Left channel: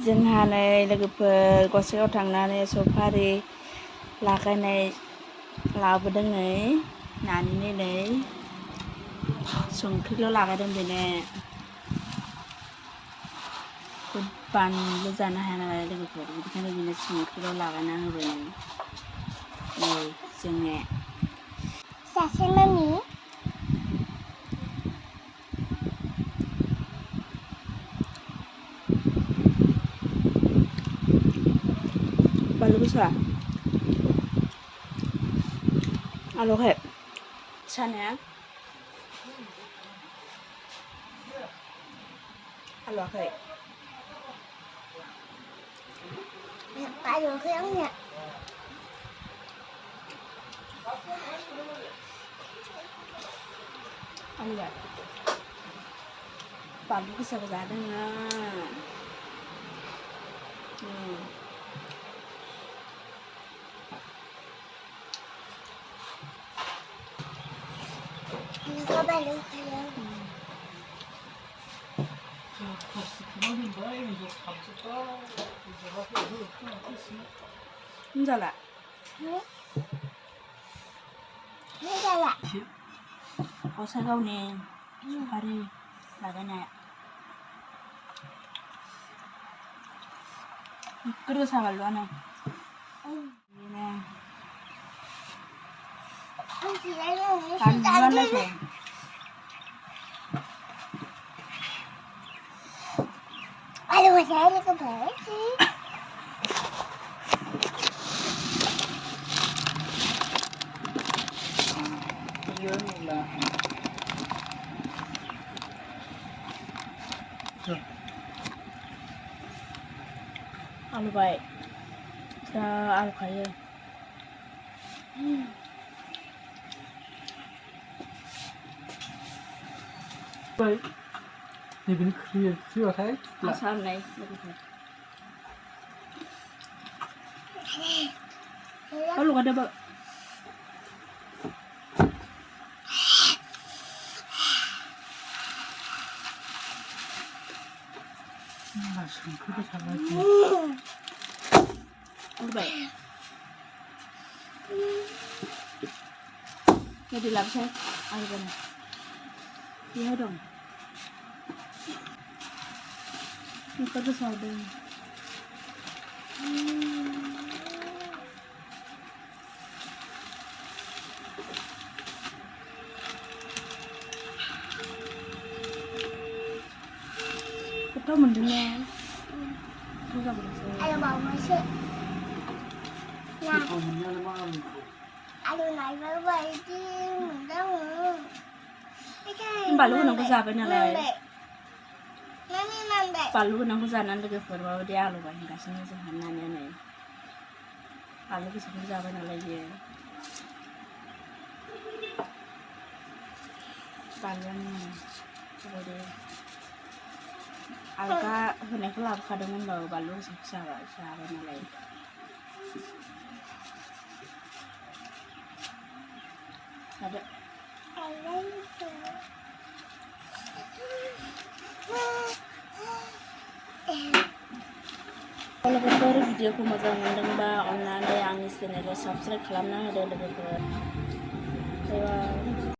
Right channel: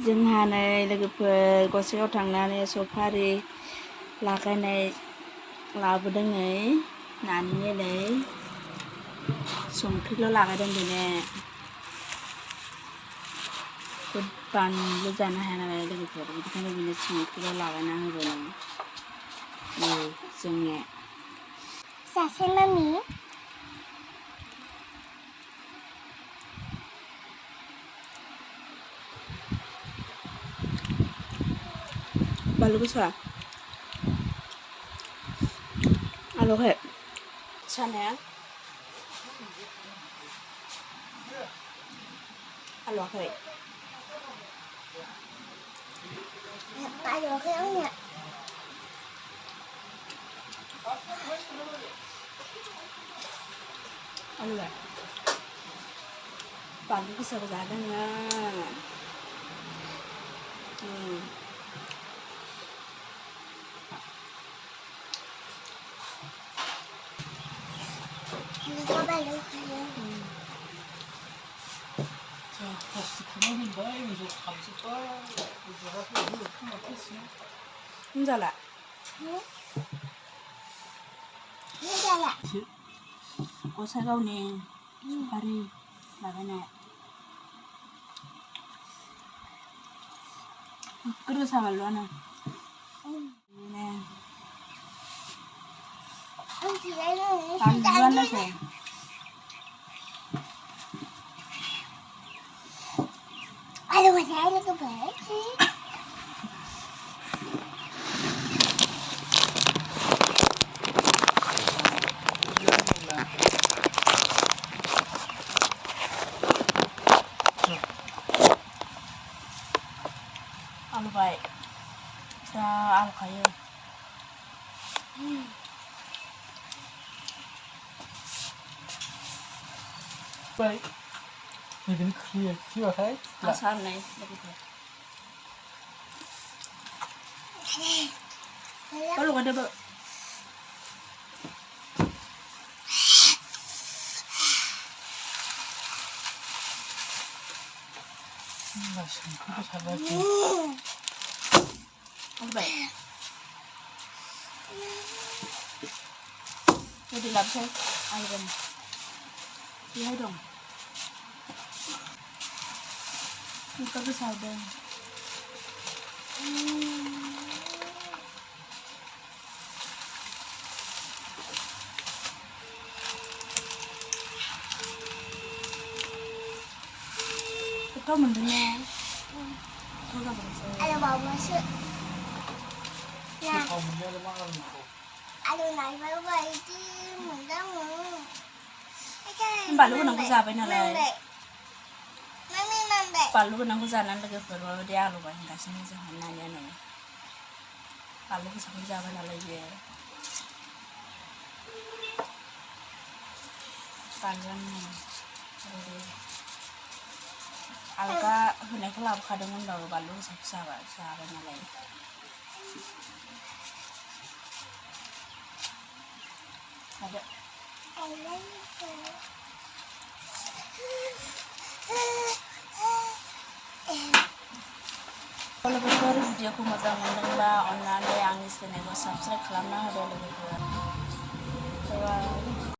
जोंहा नै लोगोफोर गसाइगाव थांनानै सफारि लागायनाय लाबोदों नै नानिनो नै संख्रिल' लागायदों बेनो बानलु जानो हाया नालाय लोगोफोर बेनिखायनो बेनो संख्रिल' लागायना होबाय नै जोंने सासे मामि बानलु गोसा आलौहाय सानाया आलौआखै आलौआखै आंनिया आलौबाय बानलु गोसाबो जादों nggak balik kalian जाला जाला गसाइगावनि सफारि लागायनाय गोसा बानलुआनो बानलुआनो aduh saya kebalik sih आलौबाय जा आलौखायो Even clear your head. आसार होननाय लोगोफोर लगायदोबो आलौबाय गोदै लाबोसै आलौबाय बेहाय दं संख्रि गोसा होदों गोथाव मोनदों ने मोजां मोनसै aduh mau masuk nah aduh naik bawa ini mendang बानलु गोनांखौ जाबाय नालाय mami mambek बानलु गोनांखौ जानानै लोगोफोर माबायदि आलौबाय होनगासिनो जोंहा नानिया नै बानलु गोसाखौ जाबाय नालाय बियो बानलुआनो बेबायदि आलगा होनायखौ लाबोखादोंमोनबाबो बानलु गोसाखौ जाबाय नालाय आरो लोगोफोर भिडिअखौ मोजां मोनदोंबा अन्नानै आंनि चेनेलखौ साबस्क्राइब खालामना होदो लोगोफोर।